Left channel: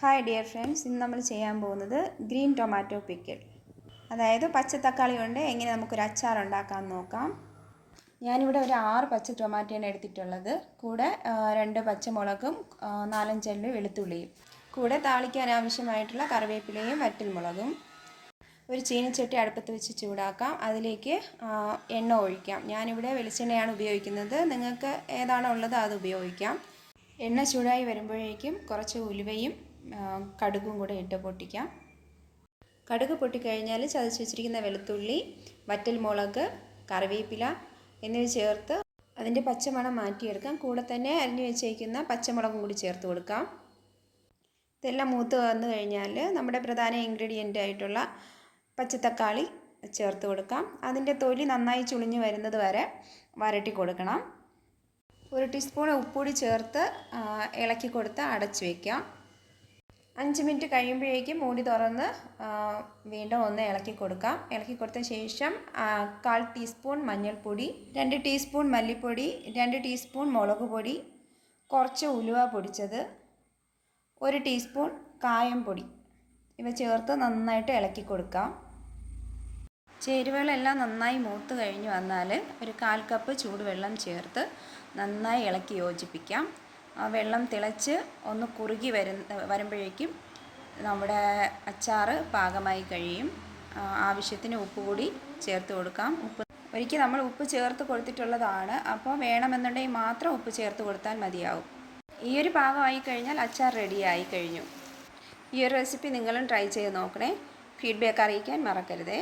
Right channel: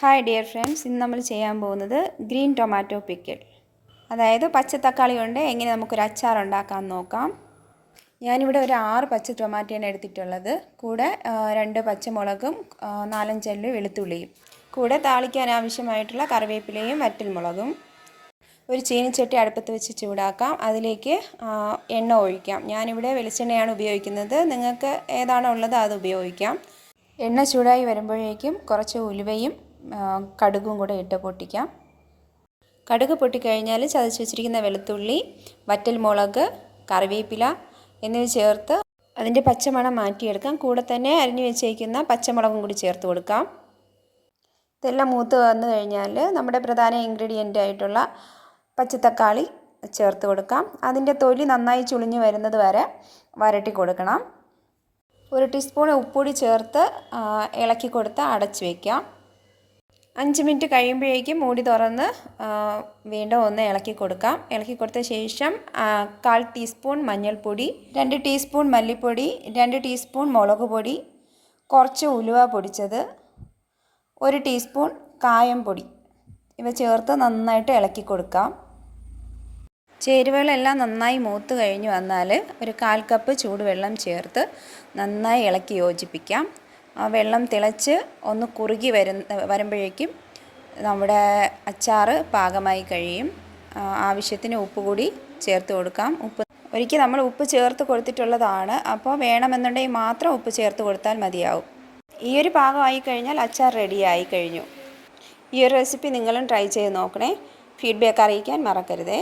Hi dear friends ഇന്ന് നമ്മൾ ചെയ്യാൻ പോകുന്നത് ഗ്രീൻ ടൊമാറ്റോ പിക്കിൾ അതായത് പച്ച തക്കാളി കൊണ്ട് എങ്ങനെ നമുക്കൊരു അച്ചാർ ഉണ്ടാക്കാൻ നോക്കാം. ഞാനിവിടെ ഒരു ആറ് പച്ച ടൊമാറ്റോയാണ് എടുത്തിട്ടുള്ളത്. കൂടെ രണ്ട് പച്ചമുളകും നാലഞ്ചല്ലി വെളുത്തുള്ളിയും. കൂടെ താളിക്കാൻ ആവശ്യമായിട്ടുള്ള കറിവേപ്പിലയും വറ്റൽമുളകും. ഒരു ചീനിച്ചട്ടി അടുപ്പത്ത് വെച്ച് ചൂടാക്കാം. അതിലേക്ക് എണ്ണ ഒഴിക്കാം. ഞാനിവിടെ വെളിച്ചെണ്ണയാണ് ഉപയോഗിക്കുന്നത്. നിങ്ങൾക്ക് ഏതാണോ ഉള്ളത് അത് ഉപയോഗിക്കാം. എണ്ണ ചൂടായി വരുമ്പോഴേക്കും കുറച്ച് ഉലുവയും കടുകും കൂടെ ഇട്ട് പൊട്ടിക്കാം. കടുക് പൊട്ടിക്കഴിഞ്ഞാൽ ചതച്ച് വെച്ചിരിക്കുന്ന വെളുത്തുള്ളി വറ്റൽ മുളക് കറിവേപ്പില എന്നിവ ചേർത്ത് അതിന്റെ പച്ചമണം മാറ്റിയെടുക്കാം. കൂടെ തന്നെ അരിഞ്ഞു വെച്ചേക്കുന്ന പച്ചമുളകും കൂടി ചേർത്ത് കൊടുക്കാം. ഇതെല്ലാം മൂത്ത് വന്നു കഴിഞ്ഞാൽ നമ്മുടെ പ്രധാന ഇൻഗ്രീഡിയന്റ് ആയിട്ടുള്ള പച്ചത്തക്കാളി ചേർത്ത് കൊടുക്കാം. അതിന്റെ തൊലി നന്നായി ചുളിഞ്ഞ് വരുന്നത് വരെ വരട്ടി കൊടുക്കണം. ഒരു ടീസ്പൂൺ ഉപ്പുപൊടി ചേർത്ത് ഇളക്കി കൊടുത്ത് അടച്ചു വയ്ക്കാം അഞ്ച് മിനിറ്റ് കഴിയുമ്പോഴേക്കും മൂടി തുറന്ന് വീണ്ടും ഒന്ന് ഇളക്കി കൊടുക്കാം. ഇളക്കി കൊടുത്ത ശേഷം കാൽ ടീസ്പൂൺ മഞ്ഞൾപ്പൊടി രണ്ട് ടീസ്പൂൺ മല്ലിപ്പൊടി രണ്ട് ടീസ്പൂൺ മുളക് പൊടി കുറച്ച് ഉലുവ പൊടിച്ചത് ഒരു ടീസ്പൂൺ കായം പൊടി. ഇവ ചേർത്ത് നന്നായിട്ട് ഇളക്കി കൊടുക്കാം. ചേരുവകളെല്ലാം നന്നായി മൂത്ത് കഴിഞ്ഞ് വന്നാൽ ഒരു കാൽ കപ്പ് ചൂടുവെള്ളം ചേർത്ത് നന്നായി ഇളക്കി യോജിപ്പിക്കാം. ആ വെള്ളം തിളച്ച് ഒന്ന് കുറുകി വരുന്ന വരുമ്പോഴേക്കും നമ്മുടെ അച്ചാറ് പാകമായി കഴിയും. ആവശ്യത്തിന് ഉപ്പ് കൂടി ചേർത്ത് കൊടുക്കാം. ഉപ്പ് ഒരിക്കൽ നമ്മൾ ഉപ്പ് ചേർത്ത് കൊടുത്തിട്ടുള്ളതാണ്. അപ്പോൾ വേണമെന്നുണ്ടെങ്കിൽ മാത്രം ഉപ്പ് ചേർത്ത് കൊടുത്താൽ മതിയാവും. ഈ ഒരു പാകമായി കഴിഞ്ഞാൽ അച്ചാർ റെഡിയായി കഴിഞ്ഞു. ഈ ഒരു റെസിപ്പി നിങ്ങളും ട്രൈ ചെയ്ത് നോക്കണേ. ഫീഡ്ബാക്ക് അറിയിക്കാൻ മറക്കരുതേ.